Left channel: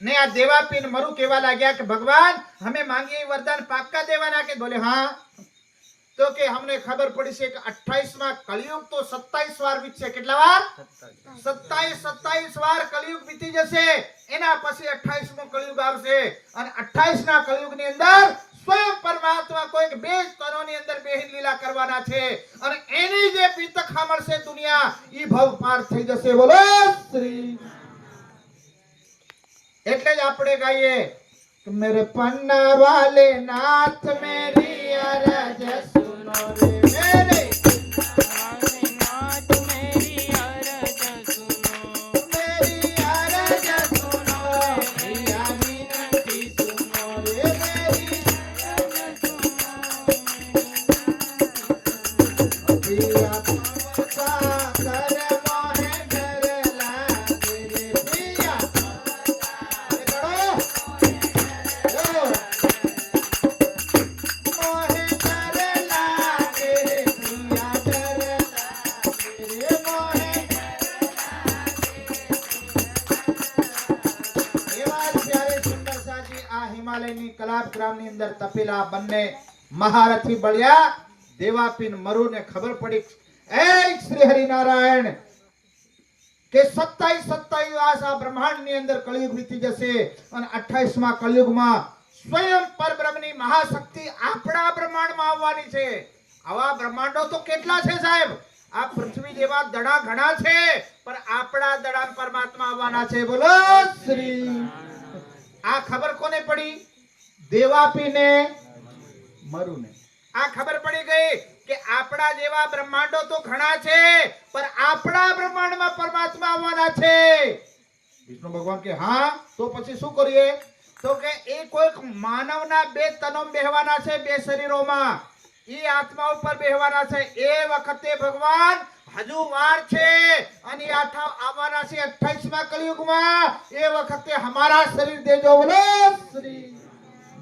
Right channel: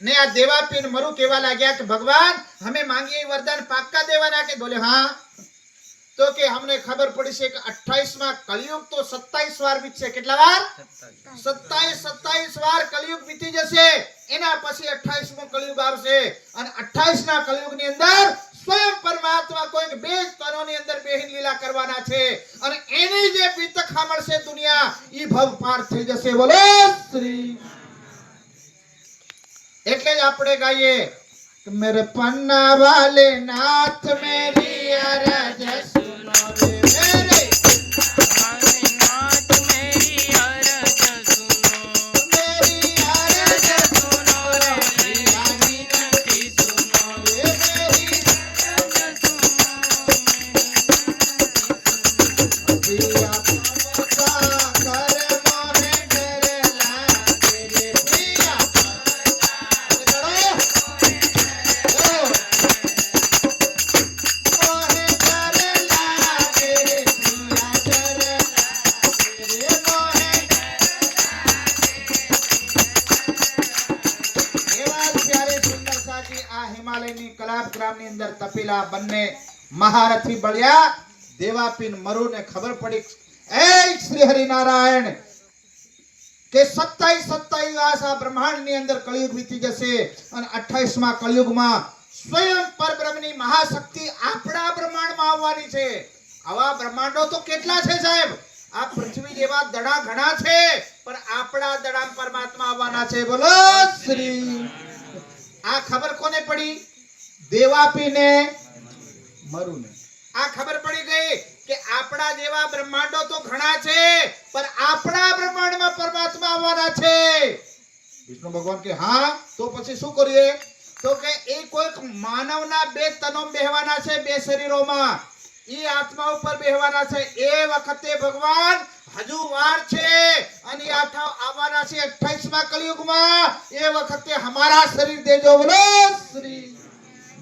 ने आ देवापीन मरु केवा लाग्या कि भगवान हमें मांगिए वरदान पाक्का देवाना के बोले हाँ तो के हमने खबर पड़ी से कि 28वां कलयुग तो 27 વાર बीतશે કેટલા વાર 27 વાર કલયુગ बीती જશે એના પછી 28મો કલયુગ આવશે અને 28ના કલયુગની અંદર સ્વયં પરમાત્મા કોઈક બે સ્તરોની અંદર બેહીન લીલા કરવાના છે અને એની જે બીતક સાંભળશે દુનિયા ઈ ભવ પાર થઈ જશે બોલે શ્રી એટલે જ આપણે ગાઈએ કે મેરે પન્ના વાલે નાથ મેરી અરજ સુનો રે મેરે नाथ मेरी अरज सुनो मेरी अरज सुनो रे विनती सुनो रे मेरी अरज અંદર તપેલા બંને મહારથી બળ્યા દેવાપીન મરુ ને ખબર પડી એ શ્રી હરિનારાયણ કે 27 આસા બ્રહ્માંડ ની અંદર કળિયુગ વીતી જશે અને 28મા કળિયુગમાં સ્વયં પરબ્રહ્મની મહાશક્તિ આપણા બ્રહ્માંડમાં આવવાની છે આવા બ્રહ્માંડો તો કેટલા છે સાહેબ આ પૃથ્વી જેવા દડા ઘણા છે પણ આપણા દડા પરમાત્મા આવવાના છે બોલો શ્રી આ ખબર કોને પડી देवापी ने मरु ने आ खबर पड़ी गई कि आपड़ा जेवा ब्रह्मांडो तो घणा छे पर आपड़ा ब्रह्मांड में परमात्मा आववाना छे विष्णु भगवान के हां तो પછી શું કરીએ તો કે એ કોઈક માનવના બે તનો બેહવાના છે બે શરીરોમાં ઈ આત્મા ઉપર બેહવાના છે એ વખતે ભગવાન હજુ વાર છે અને આઠા આવવાના છે 28મા કળિયુગમાં એ વખતે हमारा शरीर देजो बोलो श्री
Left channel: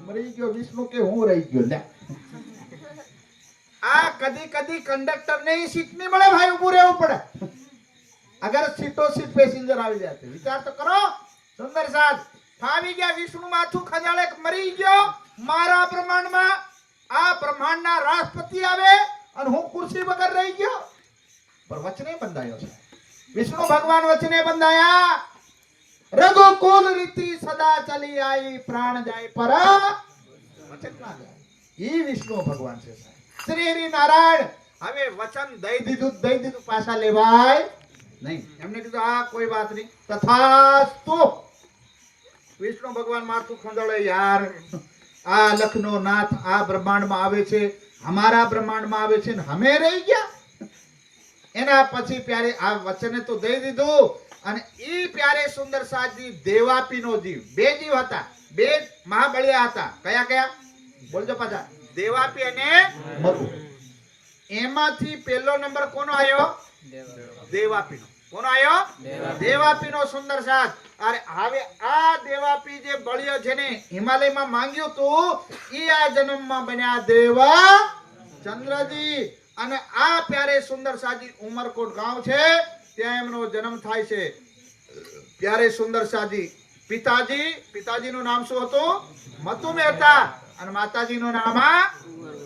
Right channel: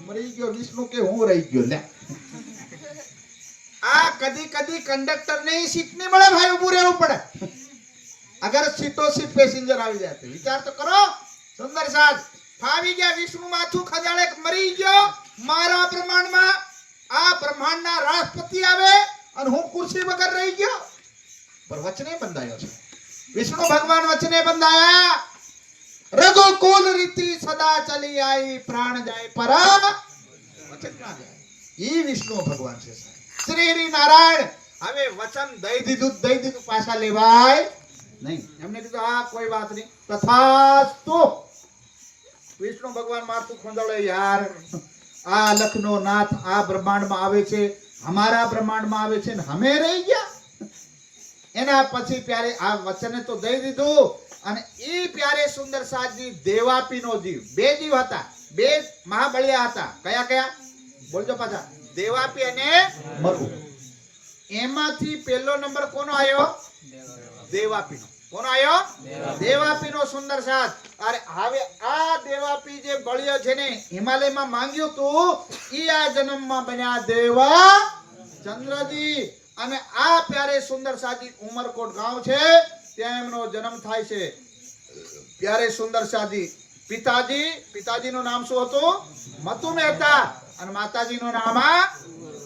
मरी गयो विष्णु के हूं रही गयो ले आ कदी कदी कंडक्टर ने सीट नहीं મળે ભાઈ ઊભું રહેવું પડે अगर सीटो सीट पैसेंजर આવી જાતે વિચાર તો કરો સુંદર સાજ ફાવી ગયા વિષ્ણુ માથું ખજાળે મરી ગયો મારા બ્રહ્માંડમાં આ બ્રહ્માંડના રાષ્ટ્રપતિ આવે અને હું ખુરશી વગર રહી ગયો પર વચને બંધાયો છે વિષ્ણુ ભગવાન વચને બંધાયા रघुकुल रीति सदा चली आई प्राण जाए पर वचन ना जाए ई विष्णु भगवान से श्री हरि नारायण हवे वचन दई दीधु पाछा लेवाय नहीं हमने कीधु आ कोई बात नहीं तथास्तु विष्णु भगवान माथु खोंदळे यार आ लखनो नाथ आ ब्रह्मांड में आवे छे हमारा ब्रह्मांड में आवे छे ने हमें रही गया एना પછી प्यारे आ वचने तो दई दीधु અને ઈ પ્યારે સુંદર સાજી દેવાપીનો જીવ બે જીવ હતા બે મહાબળિયા હતા કયા કયા બોલજો પાછા દેવાપી અને મરુ એમાંથી પહેલો નંબર કોનો આયો દેવાપીનો કોનો આયો દેવાપીનો સુંદર સાજ અરે હવે આ દેવાપી જે બળિયો જેને હિમાલયમાં માંગ્યું તું ઈ આ જન્મમાં બન્યા દેવા ચંદ્રજી અને આ પ્યારે સુંદર સાજી ઉમરકોટ ગામ છે ત્યાં એમનો જન્મ થાય છે પ્યારે સુંદર સાજી પિતાજીનું નામ શું હતું મતુ મહેતા અને માતાજીનું નામ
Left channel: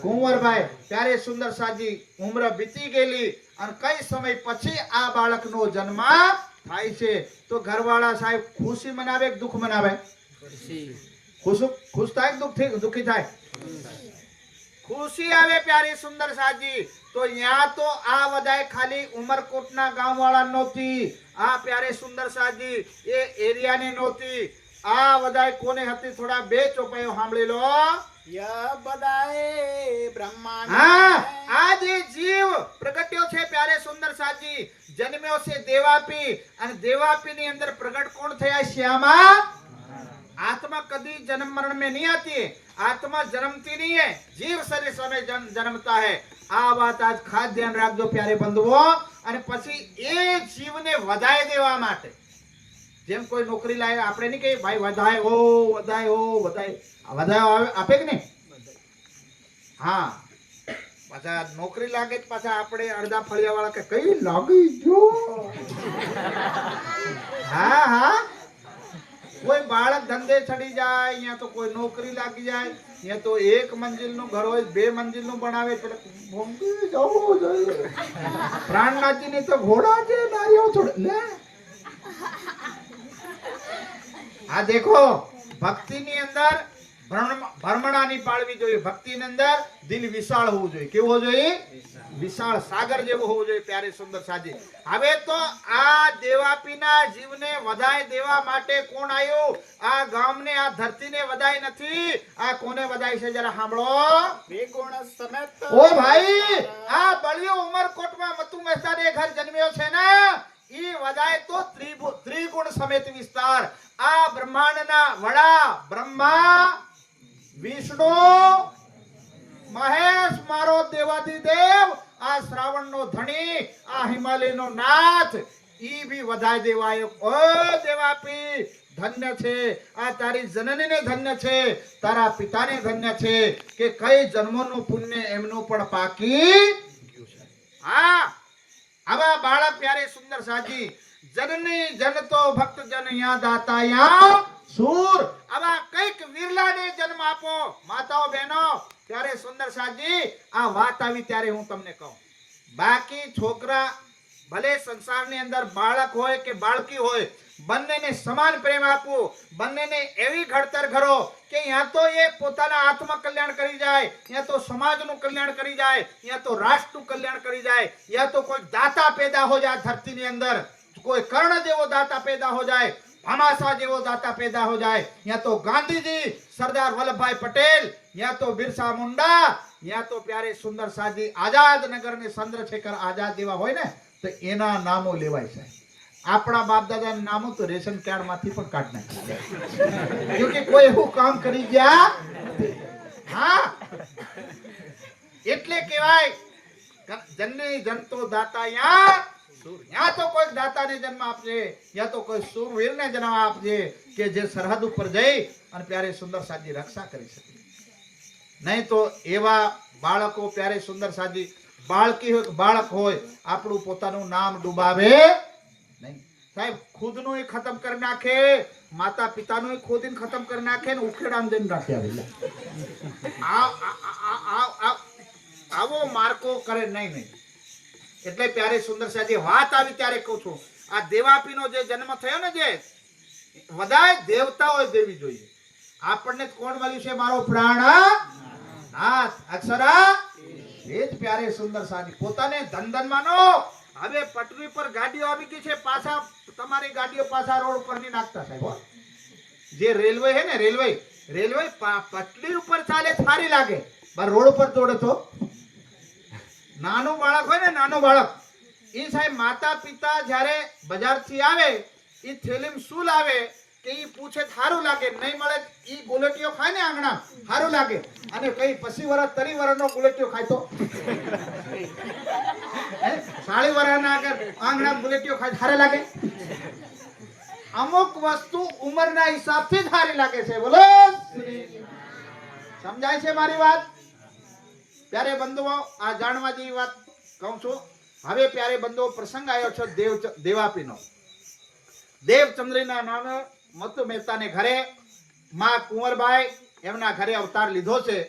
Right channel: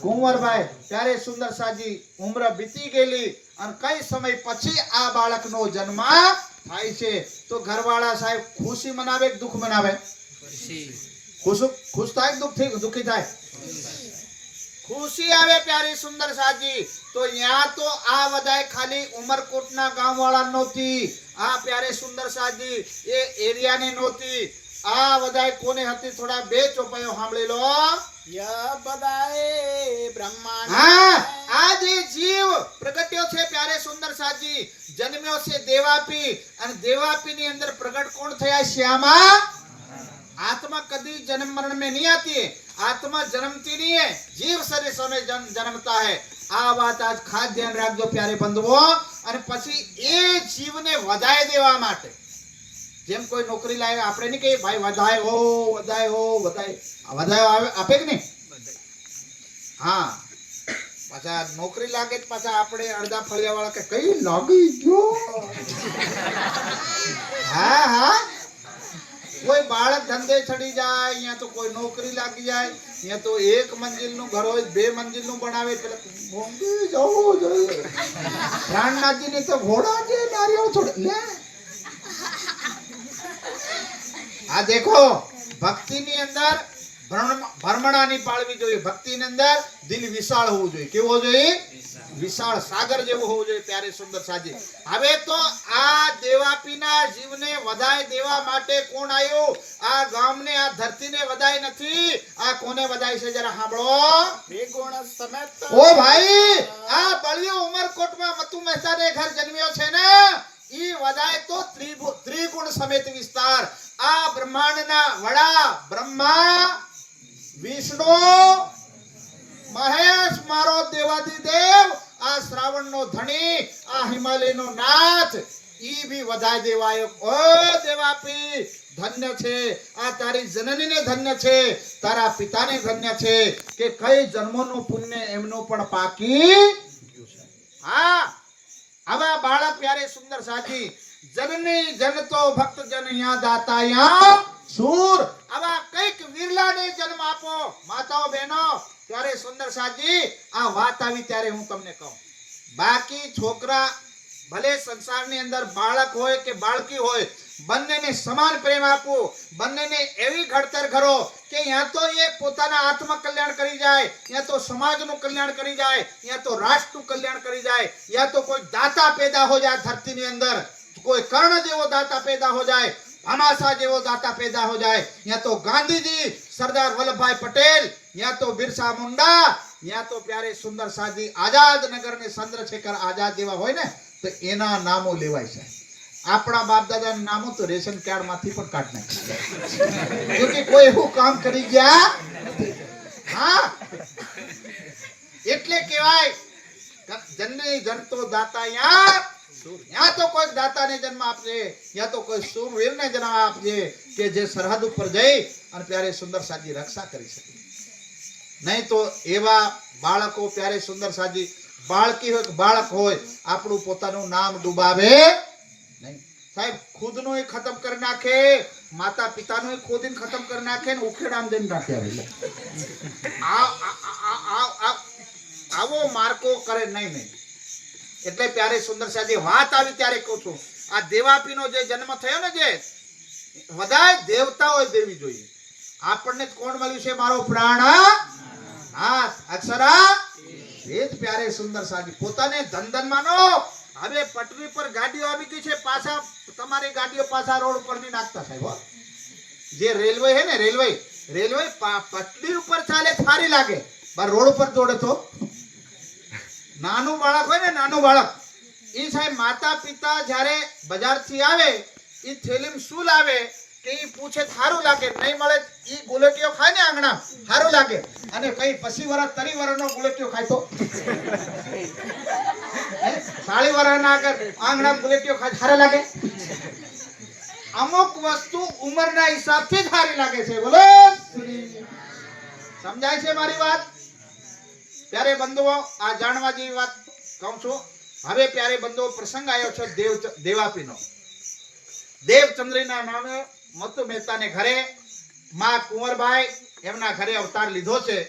કુંવરભાઈ પ્યારે સુંદર સાજી ઉંમર બીતી ગયેલી અને કઈ સમય પછી આ બાળકનો જન્મ થાય છે તો ઘરવાળા સાહેબ ખુશી મનાવે કે દુઃખ મનાવે ખુશ થાય દુઃખી થાય खुशी आवे प्यारी सुंदर साजी तो यहाँ तो आ वधाय खाली उमरकोटना गांव वाला नोती आ प्यारे सुंदर साजी ये एरिया ने नोती आ वधाय कोने हती थोड़ा बे चौपायो सांभળી लो या बधाय ब्रह्मांड हां आज जीव प्रगट्यो छे प्यारे सुंदर साजी जन्म्यो छे देवापी અને देवापी ની અંદર प्रगट कोण थया श्यामा आत्मा कभी जन्म मरण में नहीं आती है आत्मा जन्मती नहीं है जीव शरीर समय जन्मता है आ बात आज खास ध्यान રાખજો प्यारे बंधुओं અને પછી એ જીવને વધાય દેવા માટે જેમ કોઈ નોકરી લાવે આપણે નહીં કહીએ ભાઈ વધાય હો વધાય આપે કે નહીં હા પાછા નોકરી લાગે પાછા આપણે અડધા ફળિયા વાળા કે કઈ લાગી ગયો હા બાળક ધંધે ચડી જાય, અહીંયા તો કોઈ નોકરી લાગી જાય, અહીંયા તો 1 મંજિલનું ઘર હોય 2 મંજિલનું બનાવે, પેલા બોમ્બે જવું જોઈએ. પ્રાણનાથજીને તો ઘોડા છે નારિયેળ છોડે લે. આ દેખો ભક્તિની અંદર ભ્રમણાની પાળવી જોઈએ. ભક્તિની અંદર દિલ વિશાળ હોવું જોઈએ. કેવું હોવું જોઈએ? વિશાળ સાગર જેવું હોવું જોઈએ. પ્યારે સુંદર સાજી. હવે તો આ દેવાપીના જીવને વધાય દેવા માટે કોણ આવ્યું? આ ગામને આ ધરતીને વધાય નથી. આ કોને વધાય છે જરા સાંભળો. ઓ ભાઈ, આ બળિયો ઉમરકોટમાં મતુ મહેતાને ઘર જન્મ્યો છે ને, ઈ વધાય તો ત્રિગુણ સમેત વિસ્તાર. આ બ્રહ્માંડના વડા બ્રહ્મા, વિષ્ણુ, મહેશ મારો દેવાદિદેવ, આ શ્રાવણનો ધણી, આ હિમાલયનો નાથ, ઈ ભી વધાય દેવાયો. ઓ દેવાપી ધન્ય છે. આ તારી જનનીને ધન્ય છે, તારા પિતાને ધન્ય છે કે કઈ જન્મોનું પુણ્ય એમનું પણ પાકી. હા, આવા બાળક પ્યારે સુંદર સાજી. જનની જનતો ભક્ત જન યા દાતા યા સૂર. આવા કઈક વિરલાને જન્મ આપો માતાઓ બહેનો. ત્યારે સુંદર સાજી આ વાત આવી ત્યારે હું તમને કહું, બાકી છોકરા ભલે સંસારની અંદર બાળક હોય કે બાળકી હોય, બંનેને સમાન પ્રેમ આપો, બંનેને એવી ઘડતર કરો કે યા તો એ પોતાના આત્મ કલ્યાણ કરી જાય, યા તો સમાજનું કલ્યાણ કરી જાય, યા તો રાષ્ટ્રનું કલ્યાણ કરી જાય, યા તો કોઈ દાતા પેદા હો જાય ધરતીની અંદર, કોઈ કર્ણ જેવો દાતા પેદા હો જાય, भामाशाह જેવો દાતા પેદા હો જાય, યા તો ગાંધીજી, સરદાર વલ્લભભાઈ પટેલ, યા તો બિરસા મુંડા, યા તો પ્યારે સુંદર સાજી આઝાદ નગર ને ચંદ્રશેખર આઝાદ જેવા હોય ને, તો એના નામો લેવાય છે. આપણા બાપ દાદાના નામો તો રેશન કાર્ડ માંથી પણ કાઢ નાખ્યા, કેમકે કોઈ એવું કામ કરી ગયા નથી. હા, એટલે કહેવાય જનની જનતો દાતા યા સૂર. યા તો કોઈ દાતાને જન્મ આપજે, યા તો કોઈ સૂરવીરને જન્મ આપજે કે જે સરહદ ઉપર જઈ અને પ્યારે સુંદર સાજી રક્ષા કરી શકે. નહીં તો એવા બાળકો પ્યારે સુંદર સાજી, બાળકી હોય કે બાળક હોય, આપણું પોતાનું નામ ડૂબાવે નહીં. સાહેબ ખુદનું ખતમ કરી નાખે, માતા પિતાનું ખુદીને ખતમ કરી નાખે ને ઉખેડામ દઈને રાખે. આવો માર્કો કરે નહીં. એટલે પ્યારે સુંદર સાજી વાત આવી ત્યારે કહું છું, આ દેવાપીનો જે જન્મ થયો ને, જે બધાય દેવતાઓ દેવી જોઈએ. આપણને કોણ મળ્યું છે? મારો પ્રાણ. હા, અક્ષરા એ જ પ્યારે સુંદર સાજી. પોતાને ધન માનો. હવે પટરી પર ગાડીઓ આવી ગઈ છે, પાછા તમારી ગાડીઓ પાછા રોડ ઉપર નહીં નાખતા સાહેબ. જે રેલવે છે ને, રેલવે પટરી ઉપર ચાલે સારી લાગે, પણ રોડ ઉપર દોડે તો નાનું બાળક હોય ને, નાનું બાળક, એ સાહેબ માતા પિતા જયારે બજારથી આવે, એ થેલીમાં શું લાવે કે એ પૂછે સારું લાગે, નહીં મળે એ ગુલેટીઓ ખાય ને આંગણા, સારું લાગે. અને કઈ 20 વર્ષ 30 વર્ષનો ગુલેટીઓ ખાય તો 40 વર્ષના આગળ આંગણા ગુલેટીઓ ખાય સારા લાગે. અમુક વસ્તુ ઉંમરના હિસાબથી જ સારી લાગે છે. બોલો, સમજાય છે મારી વાત? प्यारे बंधुओं, आ जाणवा जेवी वात कहूं छुं. हवे प्यारे बंधुओ प्रसंग आयो छे देवापीनो. देवचंद्रीना नामे मतु मेहताने घरे मां कुंवरबाई एमना घरे अवतार लीधो छे.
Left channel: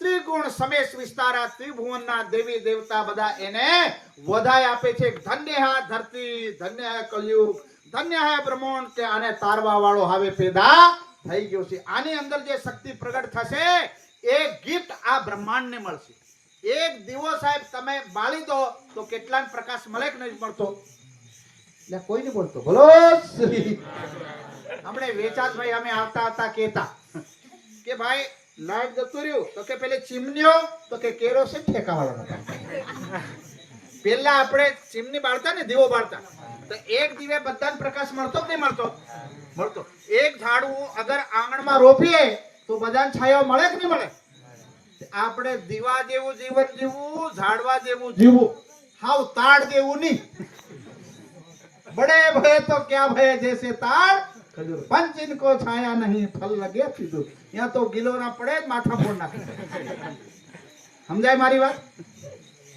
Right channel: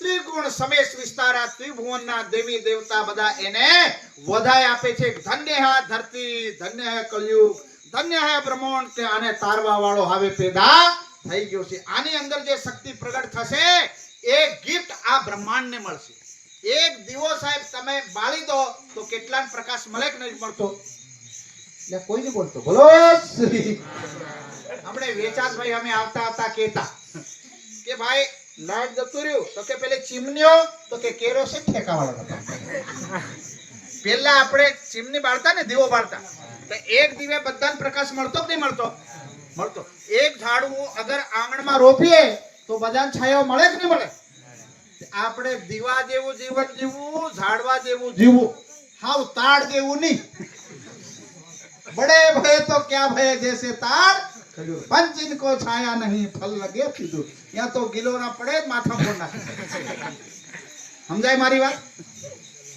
त्रिगुण समेश विस्तारा त्रिभुवनना देवी देवता बधा एने वधाई आपे छे. धन्य है धरती, धन्य है कलयुग, धन्य है ब्रह्मांड के आने तारवा वाळो हवे पैदा થઈ ગયો છે. આની અંદર જે શક્તિ પ્રગટ થશે એ ગિફ્ટ આ બ્રહ્માંડને મળશે. એક દીવો સાહેબ તમે બાળી દો તો કેટલાક પ્રકાશ મળે કે નહીં મળતો? એટલે કોઈ નહીં બોલતો. બોલો આપણે વેચાસભાઈ અમે આવતા હતા કહેતા કે ભાઈ લાઈટ જતું રહ્યું તો કે પેલે ચીમનીઓ તો કે કેરોસીન ઠેકાવાળો હતા. પહેલા આપણે ચીમની બાળતા ને, દીવો બાળતા, તો એક દીવે બધાને પ્રકાશ મળતો કે નહીં મળતો? મળતો. એક ઝાડવું અગર આંગણમાં રોપીએ તો બધાને છાયો મળે કે નહીં મળે? આપણે દીવા જેવું જીવન જીવવું, ઝાડવા જેવું જીવવું, હાવ તાડ જેવું નહીં. બડે ભય તો ક્યાં ભય જૈસે તાડ, पंच इनको छाया नहीं फल लगे सीधू. यहाँ तो गिलोरा पड़े माथा फोड़ नाखे. समझाय मारी बात?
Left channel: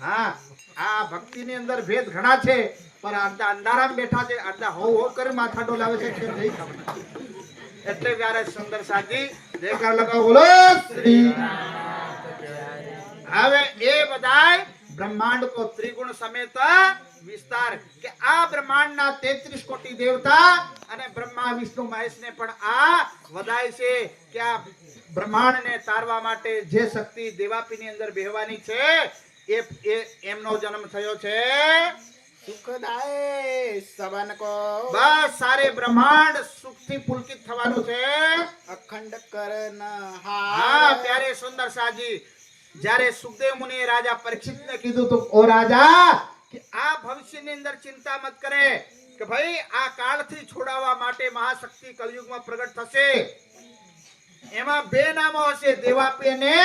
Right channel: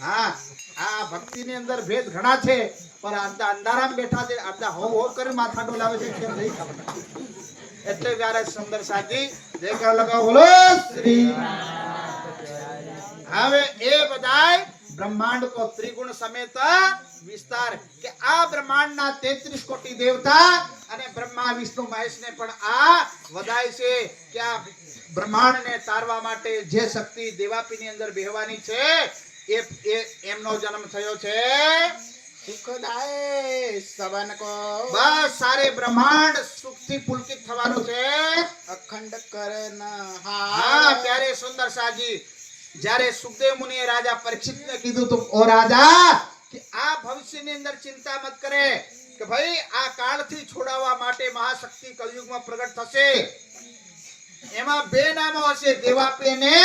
हाँ, आ भक्ति ની અંદર ભેદ ઘણા છે, પણ અંધારામાં બેઠા છે, આટલા હો હો કરી માથા ડોલાવે છે કે નહીં ખબર. એટલે પ્યારે સુંદર સાજી જય કર લગાવો બોલો શ્રી હવે એ બધાય બ્રહ્માંડ કો ત્રિગુણ સમેત વિસ્તાર કે આ બ્રહ્માંડના 33 કોટી દેવતા અને બ્રહ્મા વિષ્ણુ મહેશ ને પણ આ વધાય છે કે આ બ્રહ્માંડને તારવા માટે જે શક્તિ દેવાપીની અંદર બેહવાની છે એ એમનો જન્મ થયો છે સુખદાય સવન કો બસ સારે બ્રહ્માંડ સુખથી પુલકિત થવાનું છે અખંડ કરન હા પ્યારે સુંદર સાજી જ્યારે સુખદેવ મુનિએ રાજા પરીક્ષિતને કીધું તો ઓ રાજા કે આ ભવિષ્યની અંદર ચિંતા મત કરે કે ભાઈ આ કાળથી છોડાવવા માટે મહાશક્તિ કલયુગમાં પ્રગટ થશે એમાં બે નામો હશે દેવાપી અને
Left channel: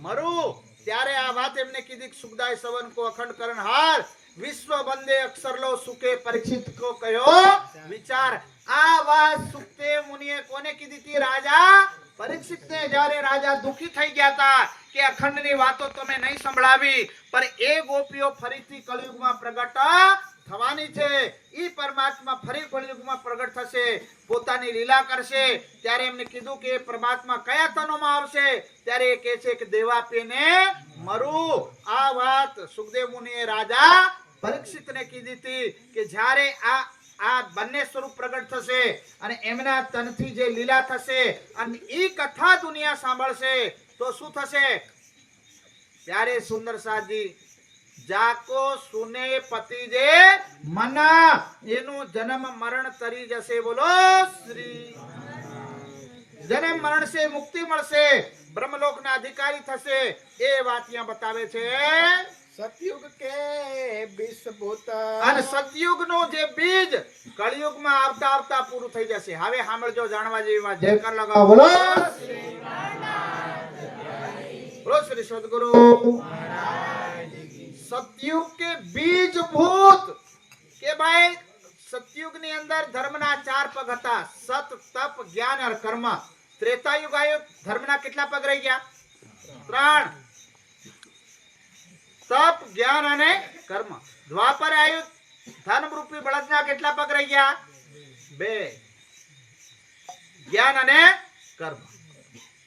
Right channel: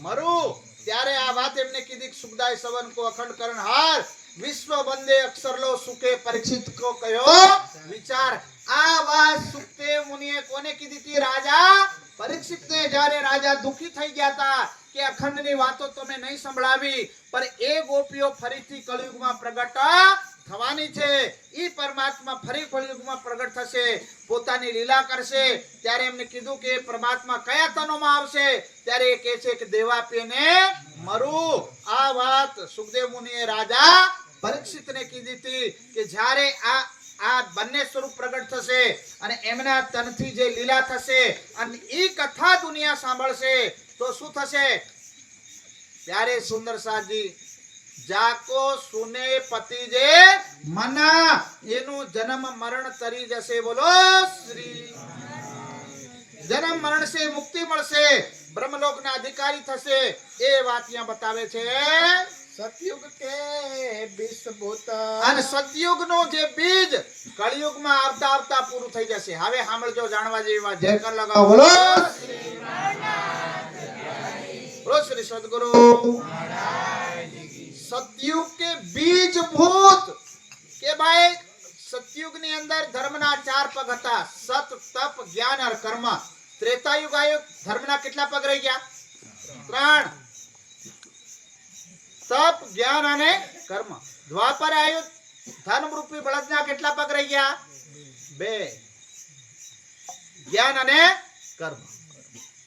મરુ ત્યારે આ વાત એમને કીધી કે સુખદાય સવન કો અખંડ કરનહાર વિશ્વ બંદે અક્ષર લો સુકે પરીક્ષિત કો કયો વિચાર આ વાત સુખદેવ મુનિએ કોને કીધી હતી રાજા પરીક્ષિતને જ્યારે રાજા દુખી થઈ ગયા હતા કે અખંડની વાતો તમે નહીં સંભળાવી પણ એ ગોપીઓ ફરીથી કળિયુગમાં પ્રગટ થવાની છે ઈ પરમાત્મા ફરી કળિયુગમાં પ્રગટ થશે પોતાની લીલા કરશે ત્યારે એમને કીધું કે પરમાત્મા કયા તનોમાં આવશે ત્યારે એ કહે છે કે દેવાપીને મરુ આ વાત સુખદેવ મુનિએ રાજા પરીક્ષિતને કીધી હતી કે જ્યારે આ બંને સ્વરૂપ પ્રગટ થશે અને એમના તનથી જે લીલા થશે અને ઈ કથા દુનિયા સાંભળશે તો શું થશે ત્યારે સુંદર સાજી જાકો સુને પતિ જે મના એનું જન્મ મરણ તરી જશે બોલો શ્રી જન્મ મરણ સે મુક્તિ મળશે બ્રહ્મલોકના અધિકારી થશે એ વાત અહીંયા બતાવે છે સતયુગ કે બીસ ભૂત અને સતયુગનું જે બીજ કળિયુગમાં આવતા આવતા પૂરું થઈ જશે હવે સાંભળજો જાણવા જેવી વાત જય કર લગાવો બોલો બોલો શ્રી સદગુરુ સતયુગ કે બીજ ભૂત કે ભાઈ સતયુગની અંદર ધર્મના 4 પગ હતા સત તપ જ્ઞાન અને કર્મ ત્રેતાયુગ આવ્યો ધર્મના કેટલા પગ રહી ગયા 3 તપ જ્ઞાન અને કર્મ દ્વાપર આવ્યું ધર્મ રૂપી બળદના કેટલા પગ રહી ગયા 2 જ્ઞાન અને કર્મ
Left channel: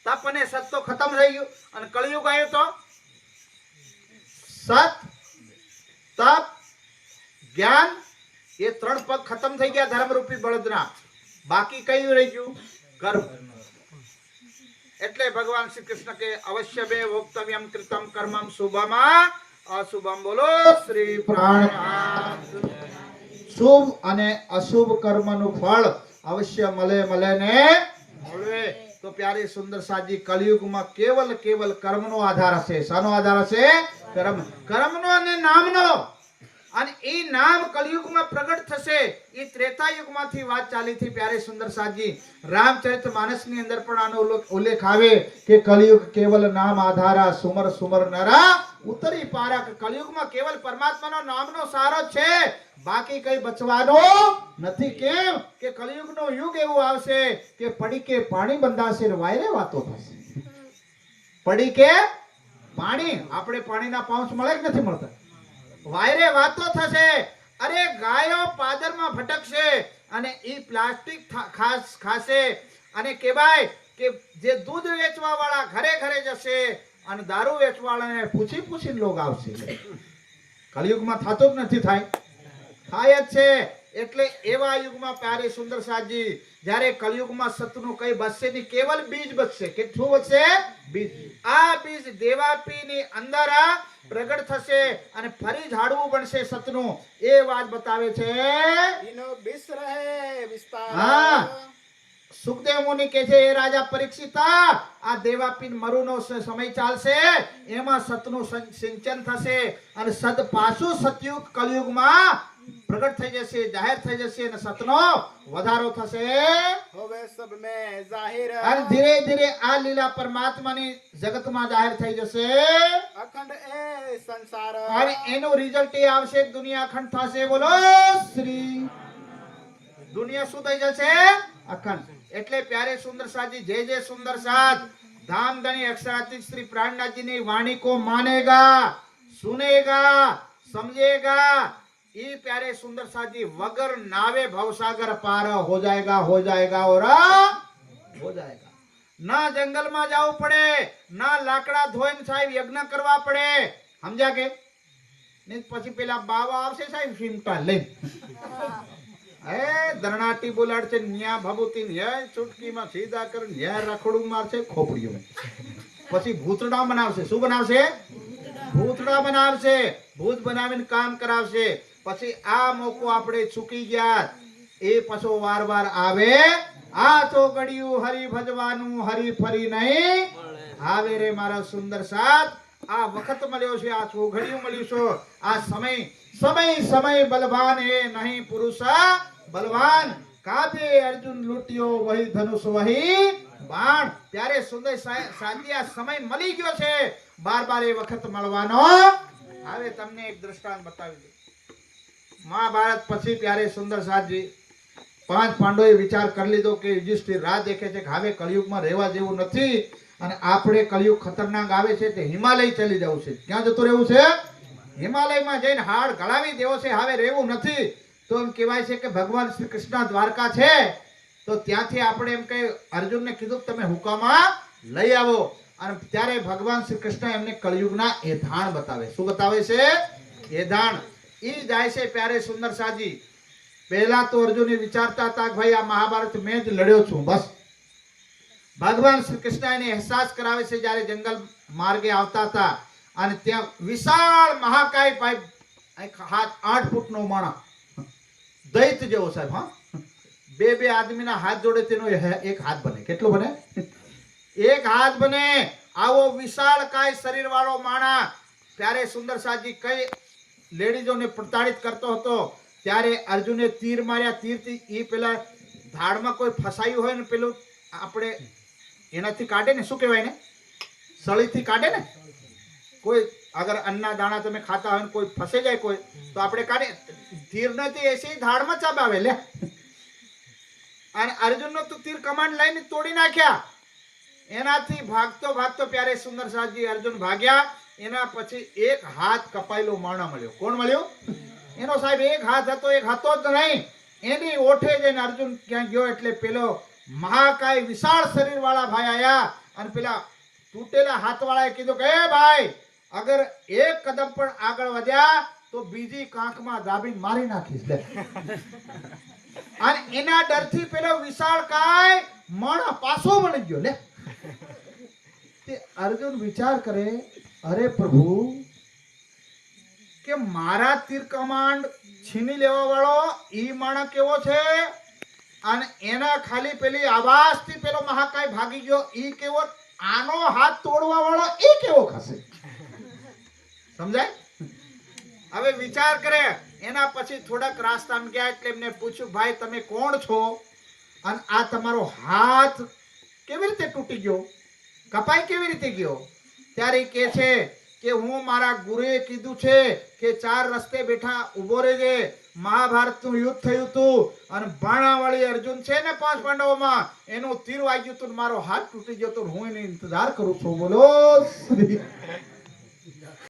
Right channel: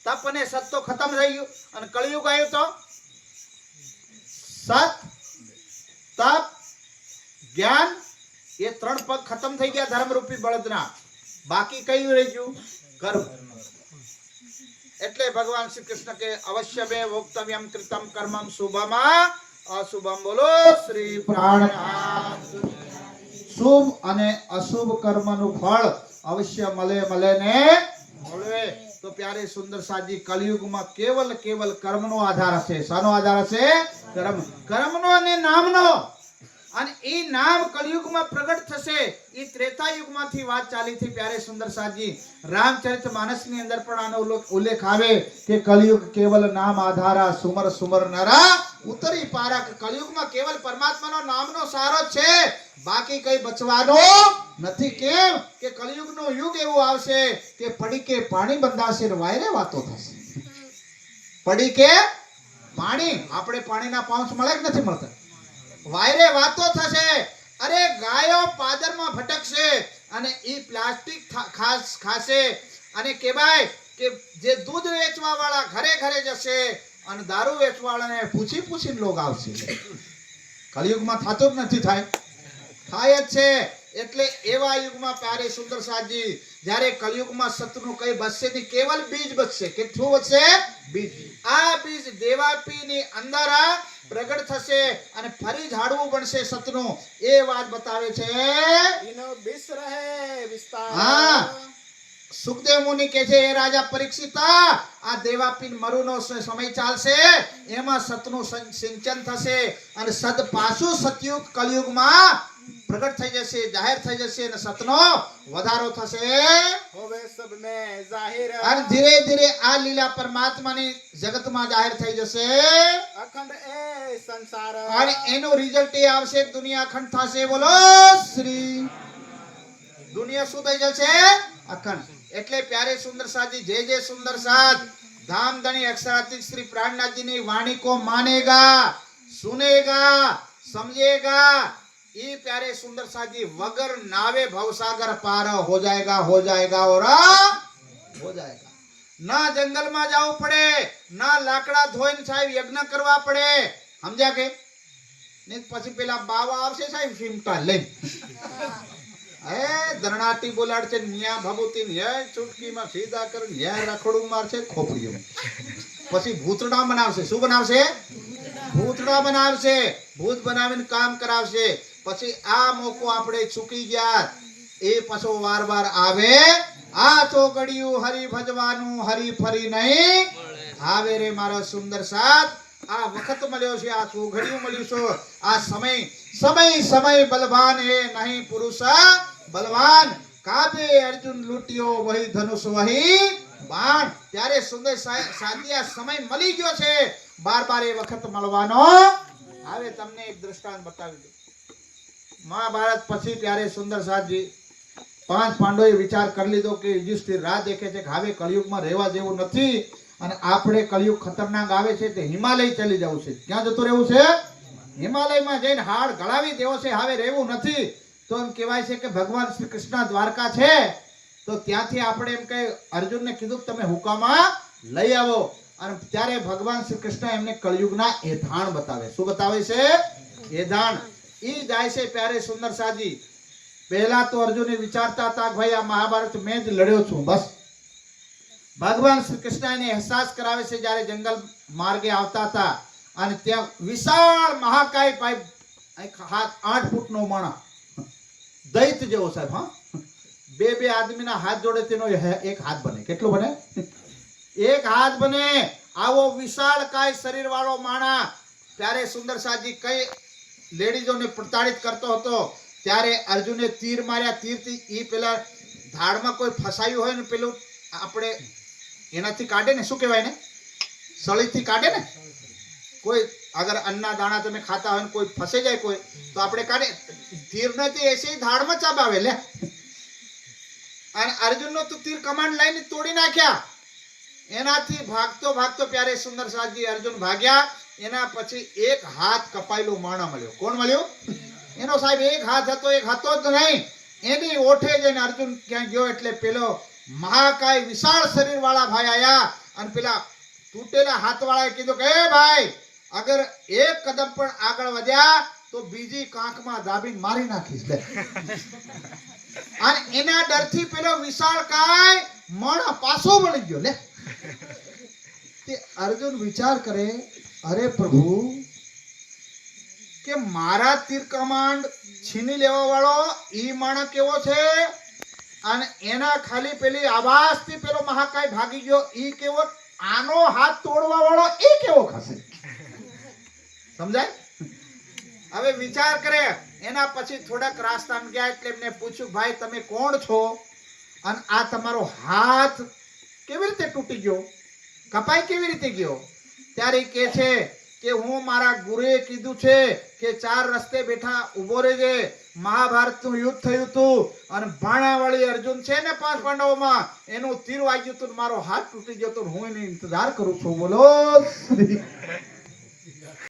તપ અને સત તો ખતમ થઈ ગયું અને કળિયુગ આવ્યો તો સત તપ જ્ઞાન એ 3 પગ ખતમ થઈ ગયા ધર્મ રૂપી બળદના બાકી કયું રહી ગયું કર્મ એટલે ભગવાન શ્રી કૃષ્ણ કે અવશ્ય બે ભોક્તવ્યમ કૃતમ કર્મમ શુભમાં અશુભમ બોલો શ્રી પ્રાણનાથ શુભ અને અશુભ કર્મનું ફળ અવશ્ય મળે ને મળે તો પ્યારે સુંદર સાજી કલિયુગમાં કેવલ કર્મનો આધાર હશે શાનો આધાર હશે કર્મનો અને નામનો અને એ નામ કલિયુગમાં પ્રગટ થશે એ ત્રેતાયુગમાંથી વાત ચાલી થી પ્યારે સુંદર સાજી રામચરિત માનસની અંદર પણ આનો ઉલ્લેખ આવે કે કલિયુગ કેવલ નામ આધારા સુમર નરા ઉતરી પારા કે કલિયુગમાં કેવલ પરમાત્માનો નામનો સારો છે બાકી કઈ બચવાનો નથી કેમ કે કલિયુગનો યુગ એવો આવશે કે પડી કે પાણી બંધાશે ને વાયરે વાતો થશે પડી કે પાણી આપણે પાણીના પાઉચ મળે કે નથી મળતા વાયરે વાતો થશે અરે ગાયો પાદરમાં ભટકશે અને ઈ પ્લાસ્ટિક ખાશે અને કહેવાય કે જે દૂધ વેચવા વાળા ઘરે જશે અને દારૂ વેચવા વાળાને પૂછીને લોક આવશે કલિયુગમાં થતું જ નથી થાય જ છે એટલે એવા યુગમાં પ્યારે સુંદર સાજી જ્યારે કલિયુગમાં સતનું કઈ બચશે નહીં કેવલ બીજ બચશે કેટલું બચશે બીજ આ બીજ દેવાપીની અંદર પ્રગટ થશે અને ફરી ઝાડવું બનશે સતનું એ વાત બતાવે છે ઇનો બીસ રહે વિસ્તાર હા સુખદેવ મુનિ કહે છે એ રાજા પરીક્ષિત આ દેવાપીન મરુનો સમય ચાલશે એમાં સતનું સિંચન થશે અને સદ પાછું સતયુગ કલયુગમાં પ્રગટ થઈ જશે જાહેર થઈ જશે અને સતનો વધારો થશે હવે સબ મે જાહેર અને ધીરે ધીરે આ લીલા પરમાત્માની જગતમાં જાહેર થઈ જશે અખંડ એ સંસાર અને એનો રિઝલ્ટ એ આવશે કે દુનિયા અખંડ થશે બોલો શ્રી દુનિયા શું થઈ જશે અખંડ એટલે પ્યારે સુંદર સાજી જે સુંદર સાથ धाम धनी अक्षरातीत श्री प्राणनाथ जी ने वाणी को मानेगा, सुनेगा, समझेगा, ये प्यारे सुंदर साजी वगर नावे भवसागर पार हो जाएगा और हो जाएगा. ના જંગલમાં જવું પડે, ના લાકડા ધોઈને સાહેબ યજ્ઞ કરવા પડે. સમજ્યા કે નહીં? પછી પેલા બાવા આવશે સાહેબ ફીમટા લઈ, એ ધરણાટી બોલાડશે, ન્યા ભભૂતિ ન્યા ચૂટકીમાં સીધા કરે, ન્યા રખડું મારશે ખોપડીઓ. પછી ભૂતડા બનાવશે. શું બનાવશે? ભૂતડા બનાવશે. ભૂત બનાવીને કામ કરાવશે. પછી આ મોકો આપણે ચૂકી ગયા, એ પાછો વાર વાર આવે. આ તો ગળ્યું હરી ભજવાનું, હરી ફરી નહીં આવે રે મારા સુંદર સાથ. આ વખત મળ્યો છે, આ ચોઘડિયું મળ્યું છે, આ સમય સમય સમય બલવાન હે નહીં પુરુષ બલવાન. કાબે અર્જુન લૂટ્યો વહી ધનુષ વહી બાણ. ત્યારે સુંદર સાથી આ સમય મળી ગયો છે, બાર બાર એ વખત મળવાનો. હવે તમને એક દ્રષ્ટાંત બતાવી દઉં. મહાભારત પછી ત્યારે સુંદર સાથી પાંચ પાંડવોએ વિચાર કરી લીધો કે યુધિષ્ઠિર રાહ દેખે છે કે હવે કળિયુગમાં રહેવા જેવું નથી, અને આપણે કળિયુગ ખતરનાક આવે છે તે હિમાલય ચલી જવું છે. ક્યાં જતું રહેવું છે? હિમાલયમાં જઈને હાડ ગળાવી દેવો છે. હવે રહેવું નથી. તો એમ કહેવાય છે કે ભગવાન શ્રી કૃષ્ણ દ્વારકા છે, તો ત્યાંથી આપણે એમ કે અર્જુનને કીધું તમે હુકામાં લઈ આવો. અને ત્યારે ભગવાન શ્રી કૃષ્ણ એમને કળિયુગના એધાણ બતાવે. શું બતાવે છે? એધાણ. ઈ જાય છે પ્યારે સુંદર સાજી. પહેલા તો અર્જુન વિચારતા હતા કે ભાઈ આ મહાભારત મેં જ લડ્યો છું બસ. ભગવાન શ્રી કૃષ્ણ એને અહેસાસ કરાવે છે જ્યારે જંગલ માર્ગે આવતા હતા, અને ત્યાં વિશાળ મહાકાય પાઇપ 8 ફૂટનો માણસ, દૈત જેવો સાહેબ, હા, બે આદમીના હાથ જોડે તેનો એક હાથ બને. કેટલો બને? એક હાથ બને. આવો વિશાળ કાય શરીર વાળો માણસ. ત્યારે સુંદર સાજી કઈ લેડીઝોને પ્રતાડિત કરતો હતો. ત્યારે અર્જુને તીર માર્યા. તીરથી એ પેલા ધાડમાં કોઈ ફસાયું હોય ને પેલું આપણે એનાથી કાઢે ને, શું કહેવાય ને, સળીથી કાઢે ને. કોઈ અગર અન્ના દાણા તમે ખાતા હોય ને કોઈ ફસે જાય કોઈ, તો આપણે કાઢે. તીર નથી એસી ધાડમાં ચબાવે લે. અને અર્જુનનો તો તીર કમાન્ડ લઈને તોડી નાખ્યા. એનાથી ભાગતો ભાગતો પ્યારે સુંદર સાજી અર્જુન ભાગ્યા. એના પછી એક હાથ કપાયેલો માણસ મળ્યો. કોણ મળ્યો? એનો સાહેબ એક હાથ હતો, એક હતો જ નહીં. એની ઓઠે જઈને અર્જુન ક્યાં ગયો એટલે પેલો મહાકાય વિશાળ શરીર વાળા ભાઈ આયા, અને પેલા તૂટેલા હાથ વાળાએ કીધું કે એ ભાઈ, અગર એક કદમ પણ આગળ વધ્યા તો બીજી કાંખમાં દાબીને મારી નાખીશ લે. અને એના ડરથી પેલો વિશાળ કાય મણ પાછો વળી ગયો લે. તે અર્જુન વિચાર કરે, અરે પ્રભુ, કે મારા તીર કમાન્ડ છીની લેવા વાળો ઈ માણસ કેવો છે, અને એના ખાલી પેલી આવાજથી પેલો મહાકાય ભાગી ગયો ઈ કેવો, આનો હાથ તોડવા વાળો ઈ કેવો ખાશે? સમજાય? હવે વિચાર કરે. એના પછી થોડાક રાસ્તામાં ગયા એટલે એમને પૂછ્યું, ભાઈ તમે કોણ છો, અને આ તમારો હાથ કેવી રીતે તૂટી ગયો, કપાઈ કેવી રીતે ગયો? ત્યારે કે છે કે હું મારા ગુરુએ કીધું છે કે 4 રસ્તે બેઠા ઉભો રહેજે. મહાભારતનું યુદ્ધ થયું હતું, અને બાણાવાળી અર્જુન છે ને 5 પાંડવોમાં, એનું તીર વાગ્યું હતું, મારો હાથ તૂટી ગયો તો હું એનો ઇંતજાર કરું છું. બોલો.